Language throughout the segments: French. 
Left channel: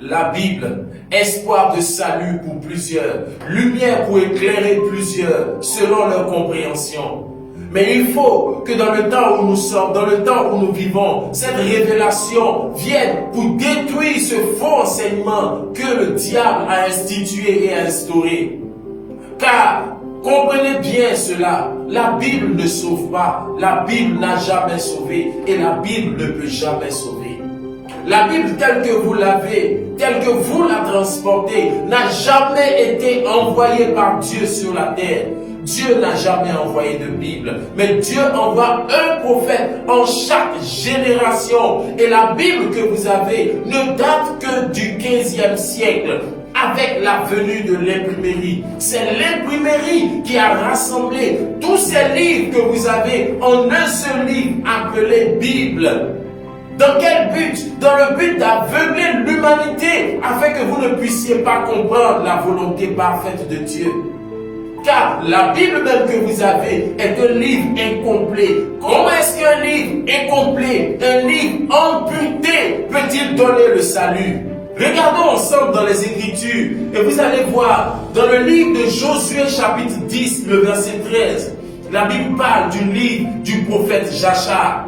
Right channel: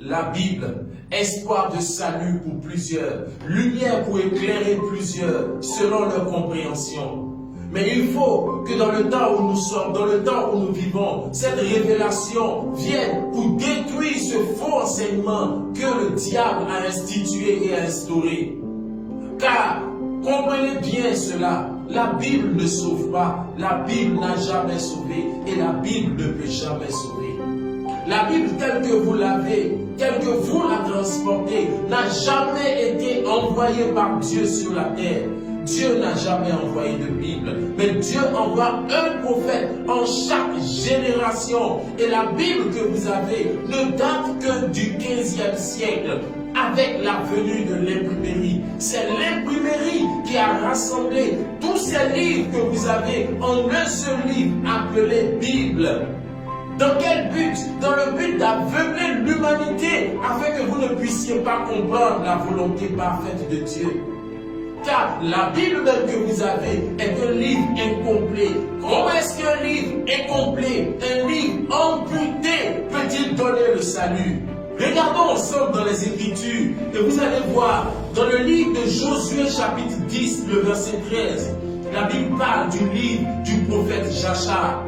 La Bible, espoir de salut pour plusieurs, lumière pour éclairer plusieurs selon leur compréhension. Mais il faut que dans le temps où nous sommes, dans le temps où nous vivons, cette révélation vienne pour détruire ce faux enseignement que le diable a institué et instauré. Car, comprenez bien cela, la Bible ne sauve pas, la Bible n'a jamais sauvé et la Bible ne peut jamais sauver. La Bible telle que vous l'avez, telle que vous la transportez, n'a jamais été envoyée par Dieu sur la terre. Dieu n'a jamais envoyé de Bible, mais Dieu envoie un prophète en chaque génération. Et la Bible que vous avez ne date que du 15e siècle, avec la venue de l'imprimerie. C'est l'imprimerie qui a rassemblé tous ces livres que vous avez en un seul livre appelé Bible. Dans quel but? Dans le but d'aveugler l'humanité afin que vous ne puissiez pas comprendre la volonté parfaite de Dieu. Car la Bible même que vous avez est un livre incomplet. Comment est-ce qu'un livre incomplet, un livre amputé peut-il donner le salut? Regardons ensemble dans les Écritures et vous allez voir dans le livre de Josué chapitre 10, le verset 13, la Bible parle du livre du prophète Jachar.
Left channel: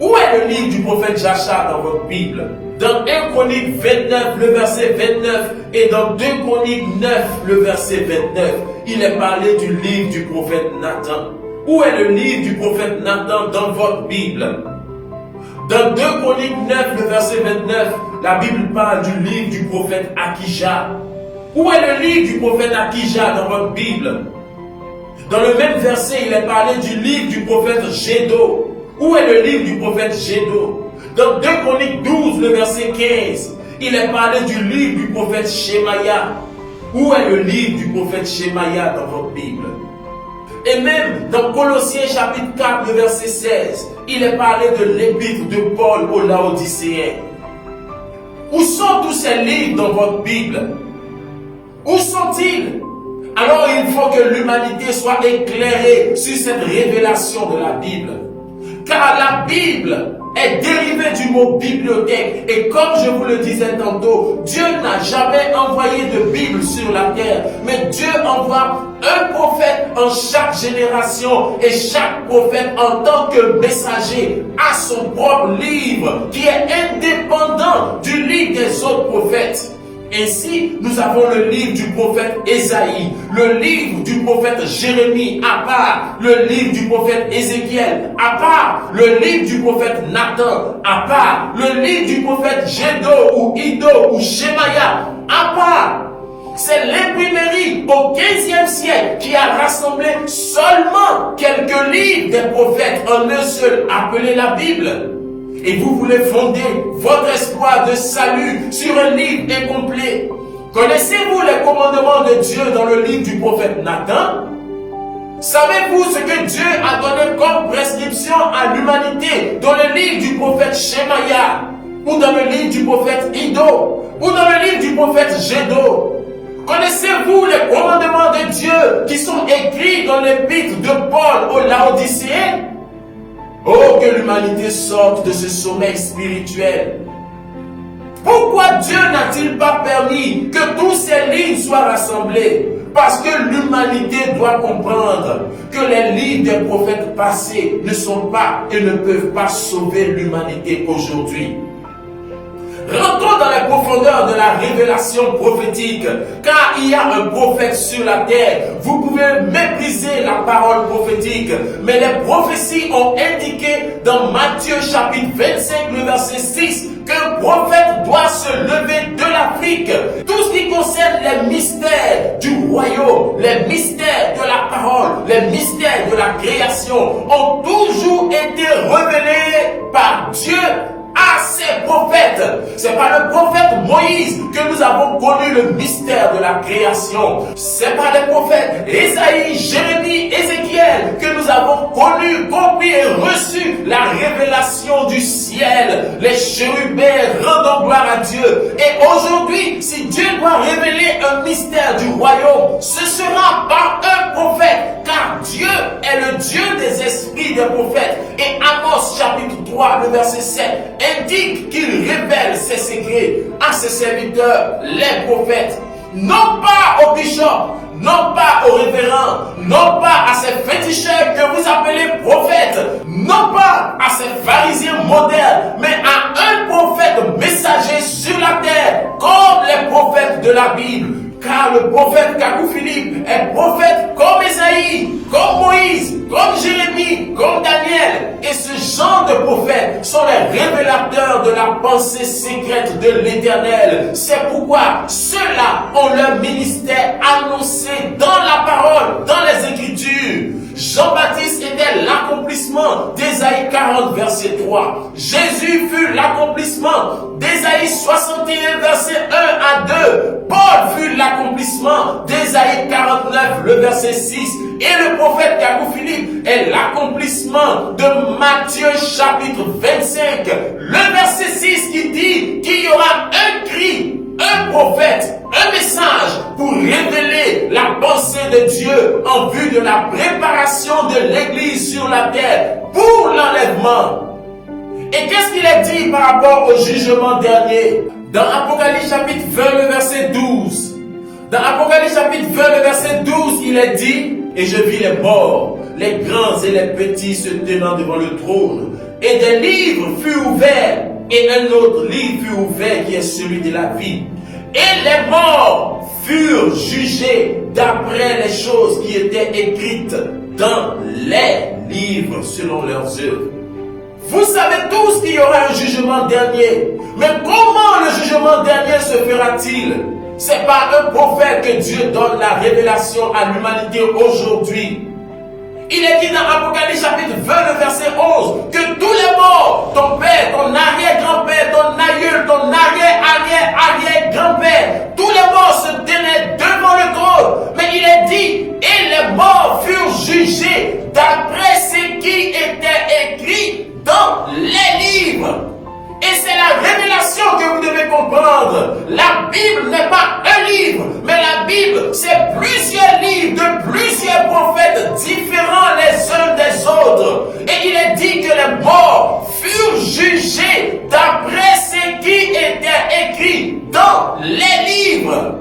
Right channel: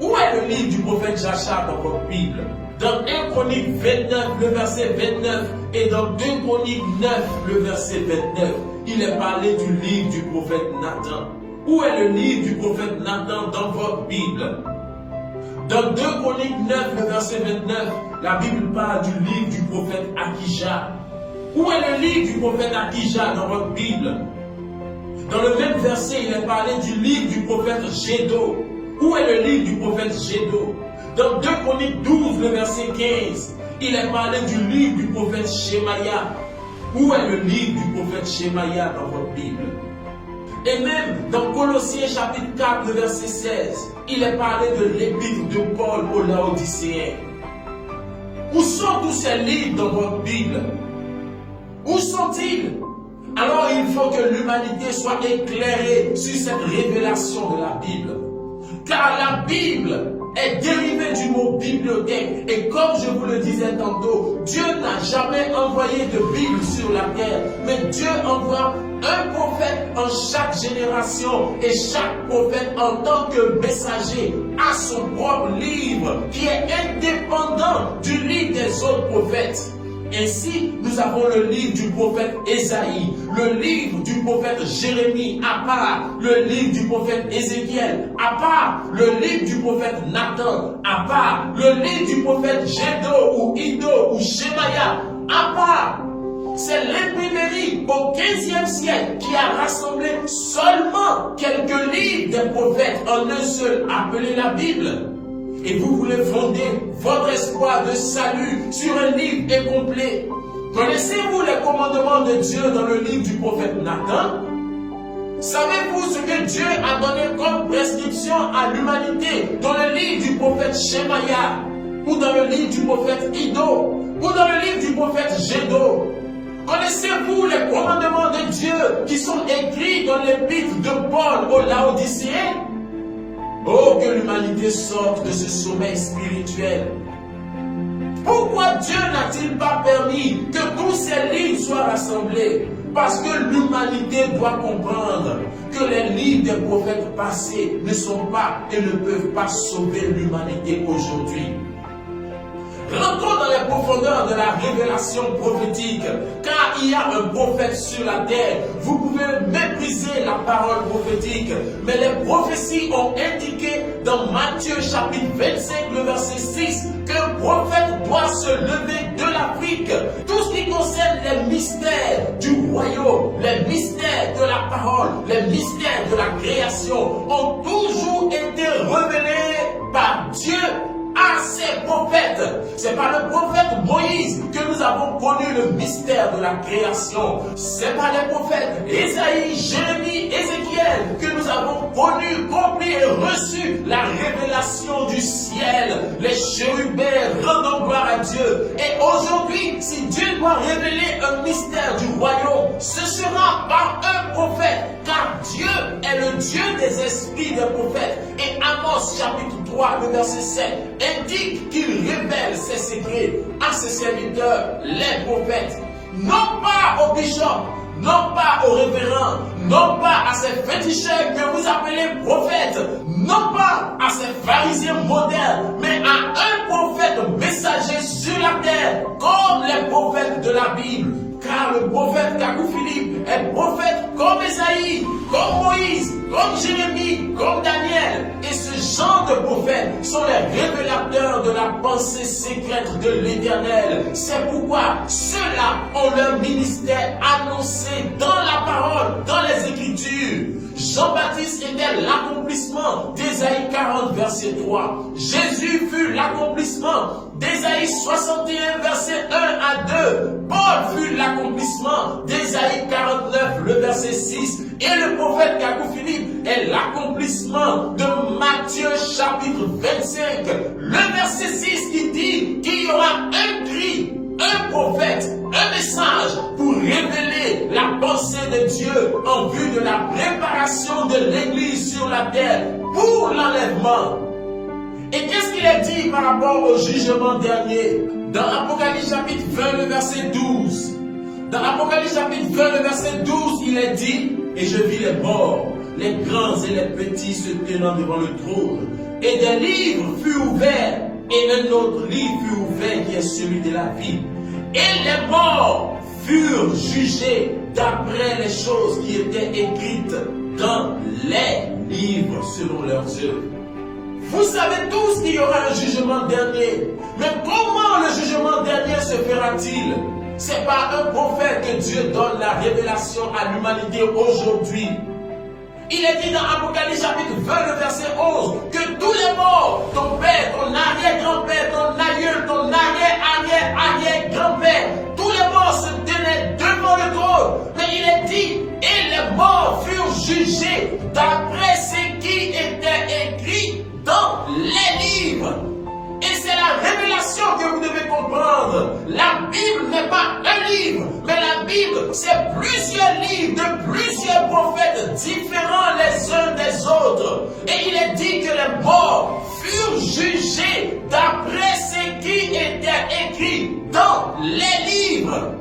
Où est le livre du prophète Jachar dans votre Bible? Dans 1 Chronique 29, le verset 29, et dans 2 Chroniques 9, le verset 29, il est parlé du livre du prophète Nathan. Où est le livre du prophète Nathan dans votre Bible? Dans 2 Chroniques 9, le verset 29, la Bible parle du livre du prophète Akija. Où est le livre du prophète Akija dans votre Bible? Dans le même verset, il est parlé du livre du prophète Gédo. Où est le livre du prophète Gédo? Dans 2 Chroniques 12, le verset 15, il est parlé du livre du prophète Shemaya. Où est le livre du prophète Shemaya dans votre Bible? Et même dans Colossiens chapitre 4, le verset 16, il est parlé de l'épître de Paul aux Laodicéens. Où sont tous ces livres dans votre Bible? Où sont-ils? Alors il faut que l'humanité soit éclairée sur cette révélation de la Bible. Car la Bible est dérivée du mot bibliothèque. Et comme je vous le disais tantôt, Dieu n'a jamais envoyé de Bible sur la terre. Mais Dieu envoie un prophète en chaque génération. Et chaque prophète en tant que messager a son propre livre qui est indépendant du livre des autres prophètes. Ainsi, nous avons le livre du prophète Ésaïe, le livre du prophète Jérémie à part, le livre du prophète Ézéchiel à part, le livre du prophète Nathan à part, le livre du prophète Gédo ou Ido ou Shemaya à part. C'est l'imprimerie au 15e siècle qui a rassemblé seulement quelques livres des prophètes en un seul, appelé la Bible. Et vous voulez fonder votre espoir de salut sur un livre incomplet. Connaissez-vous les commandements de Dieu dans le livre du prophète Nathan? Savez-vous ce que Dieu a donné comme prescription à l'humanité dans le livre du prophète Shemaya? Ou dans le livre du prophète Ido? Ou dans le livre du prophète Gédo? Connaissez-vous les commandements de Dieu qui sont écrits dans l'épître de Paul aux Laodicéens? Oh, que l'humanité sorte de ce sommeil spirituel. Pourquoi Dieu n'a-t-il pas permis que tous ces livres soient rassemblés? Parce que l'humanité doit comprendre que les livres des prophètes passés ne sont pas et ne peuvent pas sauver l'humanité aujourd'hui. Rentrons dans les profondeurs de la révélation prophétique, car il y a un prophète sur la terre. Vous pouvez mépriser la parole prophétique, mais les prophéties ont indiqué dans Matthieu chapitre 25, le verset 6, qu'un prophète doit se lever de l'Afrique. Tout ce qui concerne les mystères du royaume, les mystères de la parole, les mystères de la création ont toujours été révélés par Dieu à ses prophètes. C'est par le prophète Moïse que nous avons connu le mystère de la création. C'est par les prophètes Ésaïe, Jérémie, Ézéchiel que nous avons connu, compris et reçu la révélation du ciel. Les chérubins rendant gloire à Dieu. Et aujourd'hui, si Dieu doit révéler un mystère du royaume, ce sera par un prophète. Car Dieu est le Dieu des esprits des prophètes. Et Amos chapitre 3, le verset 7, indique qu'il révèle ses secrets à ses serviteurs, les prophètes. Non pas aux bishops, non pas aux révérends, non pas à ces féticheurs que vous appelez prophètes, non pas à ces pharisiens modernes, mais à un prophète messager sur la terre, comme les prophètes de la Bible. Car le prophète Kakou Philippe est prophète comme Esaïe, comme Moïse, comme Jérémie, comme Daniel. Et ce genre de prophètes sont les révélateurs de la pensée secrète de l'Éternel. C'est pourquoi ceux-là ont leur ministère annoncé dans la parole, dans les Écritures. Jean-Baptiste était l'accomplissement d'Ésaïe 40, verset 3. Jésus fut l'accomplissement d'Ésaïe 61, verset 1 à 2. Paul fut l'accomplissement d'Ésaïe 49, le verset 6. Et le prophète Kakou Philippe est l'accomplissement de Matthieu chapitre 25, le verset 6 qui dit qu'il y aura un cri, un prophète, un message pour révéler la pensée de Dieu en vue de la préparation de l'Église sur la terre pour l'enlèvement. Et qu'est-ce qu'il est dit par rapport au jugement dernier? Dans Apocalypse chapitre 20, le verset 12. Dans Apocalypse chapitre 20, le verset 12, il est dit: et je vis les morts, les grands et les petits se tenant devant le trône. Et des livres furent ouverts, et un autre livre fut ouvert qui est celui de la vie. Et les morts furent jugés d'après les choses qui étaient écrites dans les livres selon leurs œuvres. Vous savez tous qu'il y aura un jugement dernier. Mais comment le jugement dernier se fera-t-il? C'est par un prophète que Dieu donne la révélation à l'humanité aujourd'hui. Il est dit dans Apocalypse chapitre 20, le verset 11, que tous les morts, ton père, ton arrière-grand-père, ton aïeul, ton arrière-arrière-arrière-grand-père, tous les morts se tenaient devant le trône. Mais il est dit, et les morts furent jugés d'après ce qui était écrit dans les livres. Et c'est la révélation que vous devez comprendre. La Bible n'est pas un livre, mais la Bible, c'est plusieurs livres de plusieurs prophètes différents les uns des autres. Et il est dit que les morts furent jugés d'après ce qui était écrit dans les livres.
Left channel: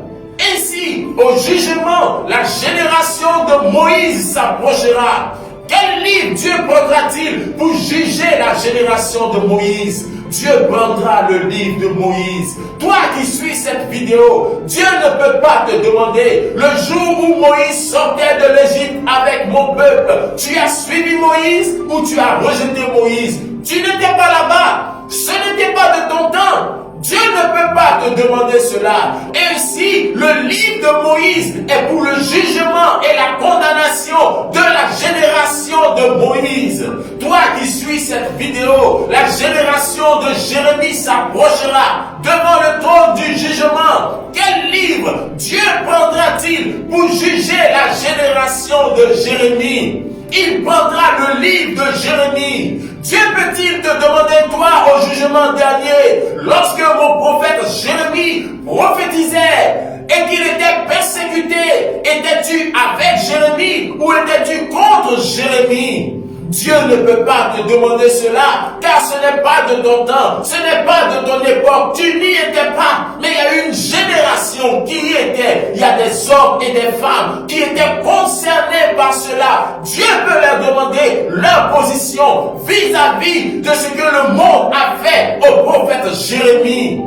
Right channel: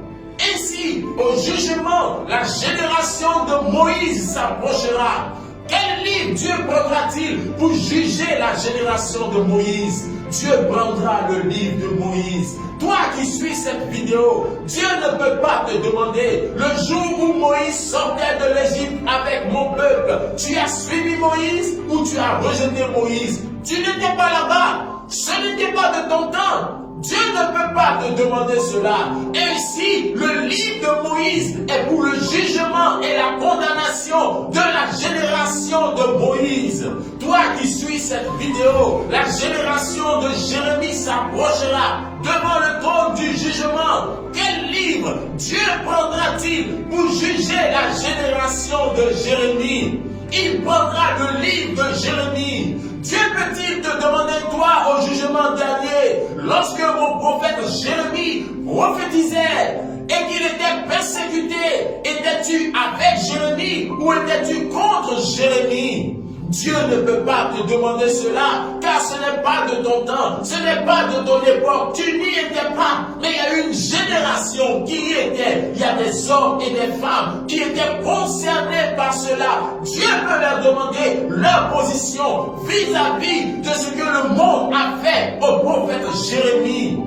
Ainsi, au jugement, la génération de Moïse s'approchera. Quel livre Dieu prendra-t-il pour juger la génération de Moïse? Dieu prendra le livre de Moïse. Toi qui suis cette vidéo, Dieu ne peut pas te demander, le jour où Moïse sortait de l'Égypte avec mon peuple, tu as suivi Moïse ou tu as rejeté Moïse? Tu n'étais pas là-bas. Ce n'était pas de ton temps. Dieu ne peut pas te demander cela. Ainsi, le livre de Moïse est pour le jugement et la condamnation de la génération de Moïse. Toi qui suis cette vidéo, la génération de Jérémie s'approchera devant le trône du jugement. Quel livre Dieu prendra-t-il pour juger la génération de Jérémie? Il prendra le livre de Jérémie. Dieu peut-il te demander, toi, au jugement dernier, lorsque mon prophète Jérémie prophétisait et qu'il était persécuté, étais-tu avec Jérémie ou étais-tu contre Jérémie? Dieu ne peut pas te demander cela, car ce n'est pas de ton temps, ce n'est pas de ton époque, tu n'y étais pas, mais il y a une génération qui y était, il y a des hommes et des femmes qui étaient concernés par cela. Dieu peut leur demander leur position vis-à-vis de ce que le monde a fait au prophète Jérémie.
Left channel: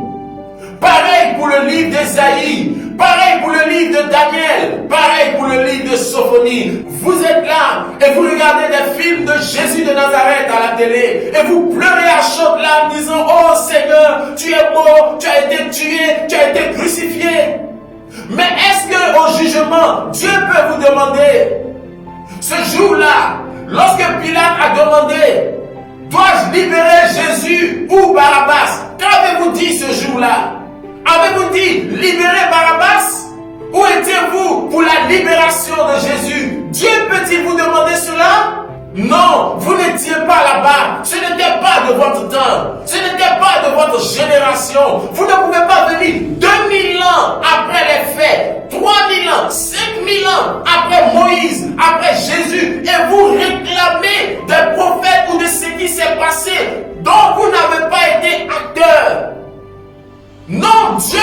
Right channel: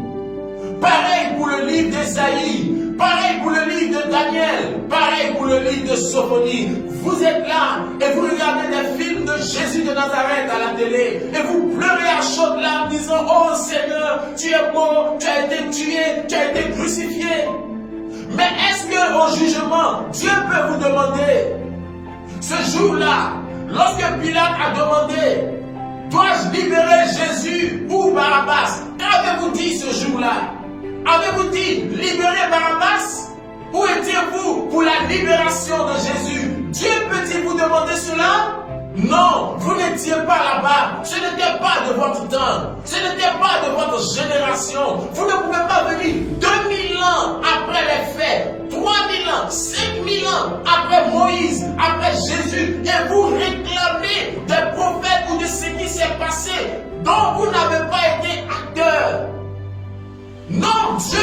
Pareil pour le livre d'Ésaïe, pareil pour le livre de Daniel, pareil pour le livre de Sophonie. Vous êtes là et vous regardez des films de Jésus de Nazareth à la télé et vous pleurez à chaudes larmes en disant: oh Seigneur, tu es mort, tu as été tué, tu as été crucifié. Mais est-ce qu'au jugement, Dieu peut vous demander, ce jour-là, lorsque Pilate a demandé: dois-je libérer Jésus ou Barabbas? Qu'avez-vous dit ce jour-là? Avez-vous dit libérer Barabbas? Où étiez-vous pour la libération de Jésus? Dieu peut-il vous demander cela? Non, vous n'étiez pas là-bas. Ce n'était pas de votre temps. Ce n'était pas de votre génération. Vous ne pouvez pas venir 2000 ans après les faits, 3000 ans, 5000 ans après Moïse, après Jésus,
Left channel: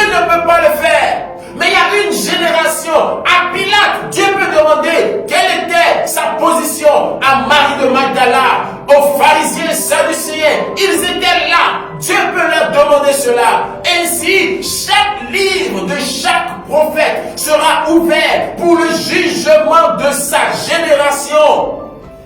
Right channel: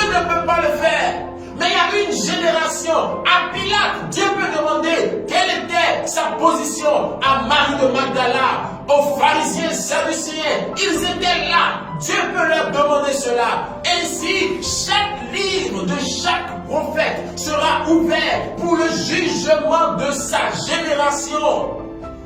ne peut pas le faire. Mais il y a une génération, à Pilate, Dieu peut demander quelle était sa position à Marie de Magdala, aux pharisiens, sadducéens. Ils étaient là. Dieu peut leur demander cela. Ainsi, chaque livre de chaque prophète sera ouvert pour le jugement de sa génération.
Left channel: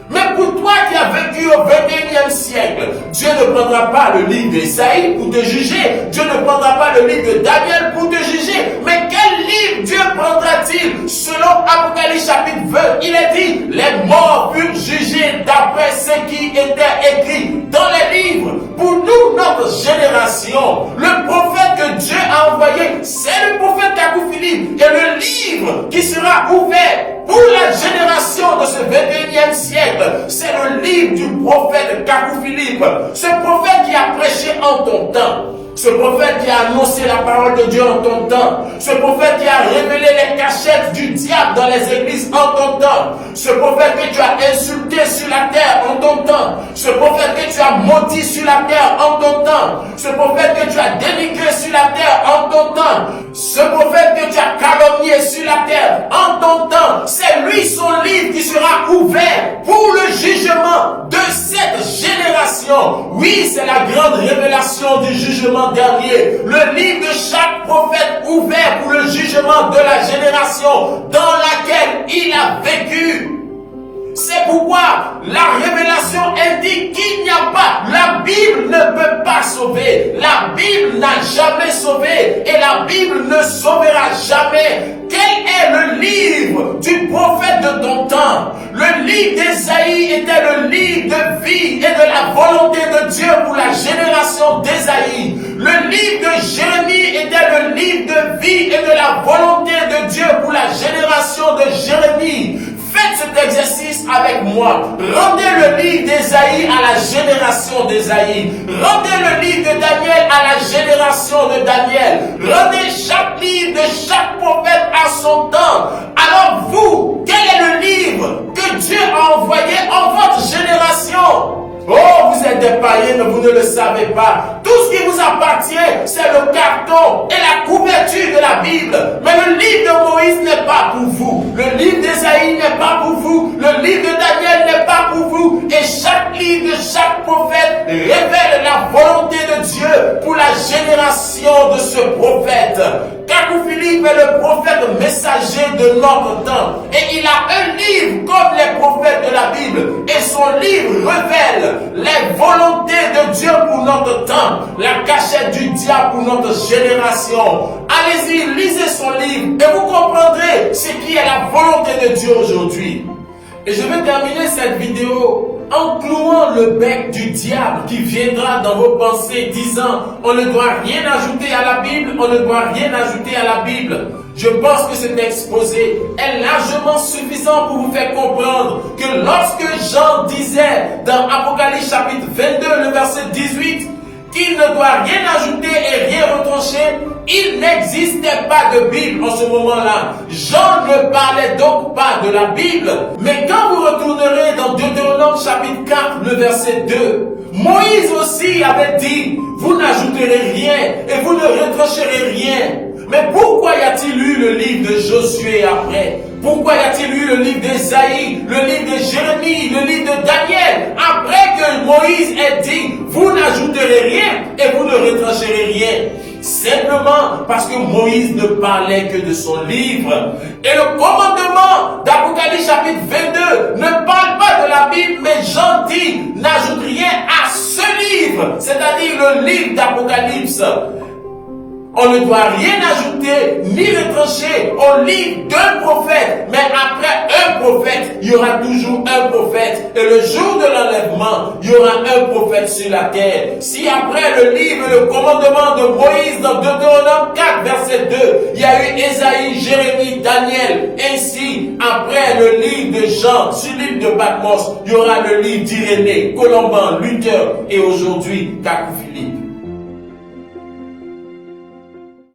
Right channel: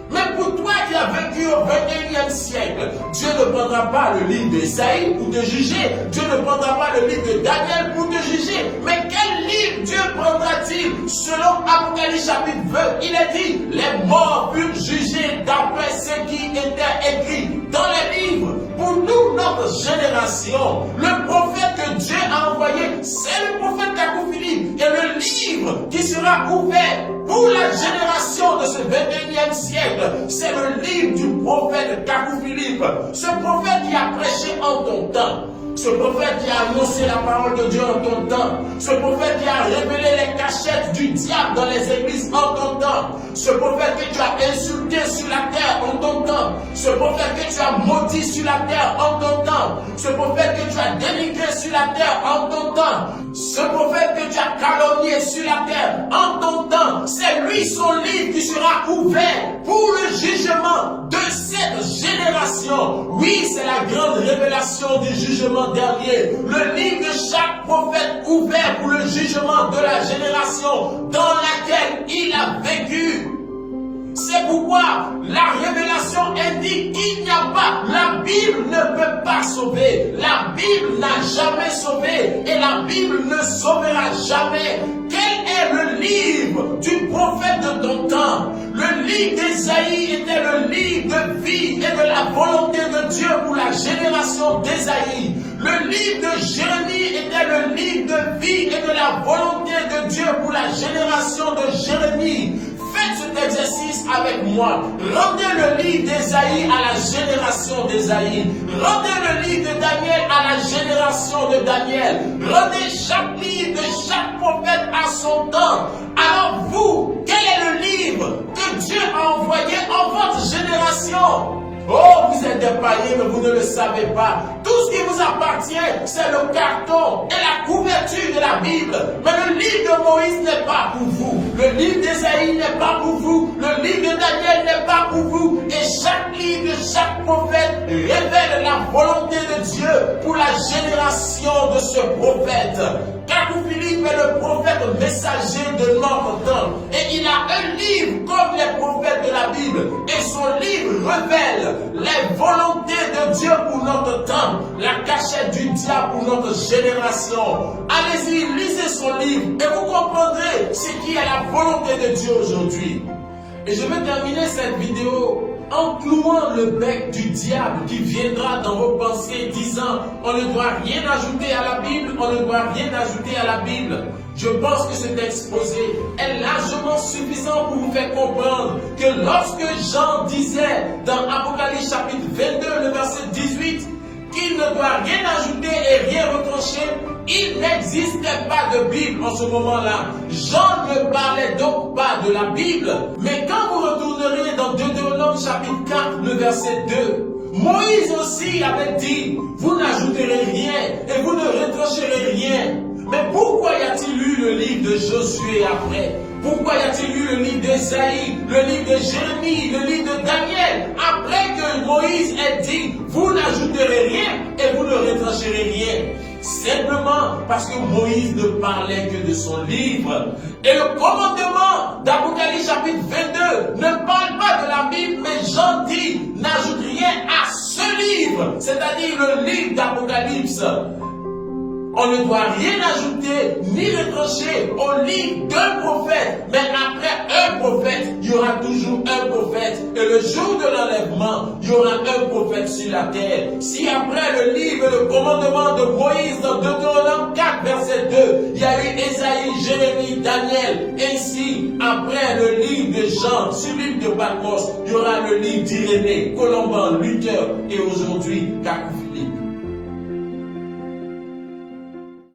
Mais pour toi qui as vécu au 21e siècle, Dieu ne prendra pas le livre d'Ésaïe pour te juger. Dieu ne prendra pas le livre de Daniel pour te juger. Mais quel livre Dieu prendra-t-il? Selon Apocalypse chapitre 20, il est dit, les morts furent jugés d'après ce qui était écrit dans les livres. Pour nous, notre génération, le prophète que Dieu a envoyé, c'est le prophète Kakou Philippe. Et le livre qui sera ouvert pour la génération de ce 21e siècle, c'est le livre du prophète Kakou Philippe. Ce prophète qui a prêché en ton temps. Ce prophète qui a annoncé la parole de Dieu en ton temps. Ce prophète qui a révélé les cachettes du diable dans les églises en ton temps. Ce prophète que tu as insulté sur la terre en ton temps. Ce prophète que tu as maudit sur la terre en ton temps. Ce prophète que tu as dénigré sur la terre en ton temps. Ce prophète que tu as calomnié sur la terre en ton temps. C'est lui son livre qui sera ouvert pour le jugement de cette génération. Oui, c'est la grande révélation du jugement dernier, le livre de chaque prophète ouvert pour le jugement de la génération dans laquelle il a vécu. C'est pourquoi la révélation indique qu'il n'y a pas, la Bible ne peut pas sauver, la Bible n'a jamais sauvé et la Bible ne sauvera jamais. Quel est le livre du prophète de ton temps? Le livre d'Ésaïe était le livre de vie et de la volonté de Dieu pour la génération d'Ésaïe. Le livre de Jérémie était le livre de vie et de la volonté de Dieu pour la génération de Jérémie. Faites cet exercice avec moi. Rendez le livre d'Ésaïe à la génération d'Ésaïe. Rendez le livre de Daniel à la génération de Daniel. Rendez chaque livre de chaque prophète à son temps. Alors vous, quel est le livre que Dieu a envoyé en votre génération? Oh, vous êtes des païens, mais vous ne le savez pas. Tout ce qui vous appartient, c'est le carton et la couverture de la Bible. Mais le livre de Moïse n'est pas pour vous. Le livre d'Ésaïe n'est pas pour vous. Le livre de Daniel n'est pas pour vous. Et chaque livre de chaque prophète révèle la volonté de Dieu pour la génération de ce prophète. Kakou Philippe est le prophète messager de notre temps. Et il a un livre comme les prophètes de la Bible. Et son livre révèle les volontés de Dieu pour notre temps. La cachette du diable pour notre génération. Allez-y, lisez son livre et vous comprendrez ce qui est la volonté de Dieu aujourd'hui. Et je vais terminer cette vidéo en clouant le bec du diable qui viendra dans vos pensées disant on ne doit rien ajouter à la Bible, on ne doit rien ajouter à la Bible. Je pense que cet exposé est largement suffisant pour vous faire comprendre que lorsque Jean disait dans Apocalypse chapitre 22, le verset 18, qu'il ne doit rien ajouter et rien retrancher, il n'existait pas de Bible en ce moment-là. Jean ne parlait donc pas de la Bible. Mais quand vous retournerez dans Deutéronome chapitre 4, le verset 2, Moïse aussi avait dit, vous n'ajouterez rien et vous ne retrancherez rien. Mais pourquoi y a-t-il eu le livre de Josué après? Pourquoi y a-t-il eu le livre d'Ésaïe, le livre de Jérémie, le livre de Daniel? Après que Moïse ait dit, vous n'ajouterez rien et vous ne retrancherez rien. Simplement parce que Moïse ne parlait que de son livre. Et le commandement d'Apocalypse chapitre 22 ne parle pas de la Bible, mais Jean dit, n'ajoute rien à ce livre, c'est-à-dire le livre d'Apocalypse. On ne doit rien ajouter ni retrancher au livre d'un prophète. Mais après un prophète, il y aura toujours un prophète. Et le jour de l'enlèvement, il y aura un prophète sur la terre. Si après le livre et le commandement de Moïse dans Deutéronome 4, verset 2, il y a eu Ésaïe, Jérémie, Daniel. Ainsi, après le livre de Jean sur l'île de Patmos, il y aura le livre d'Irénée, Colomban, Luther et aujourd'hui Kakou Philippe.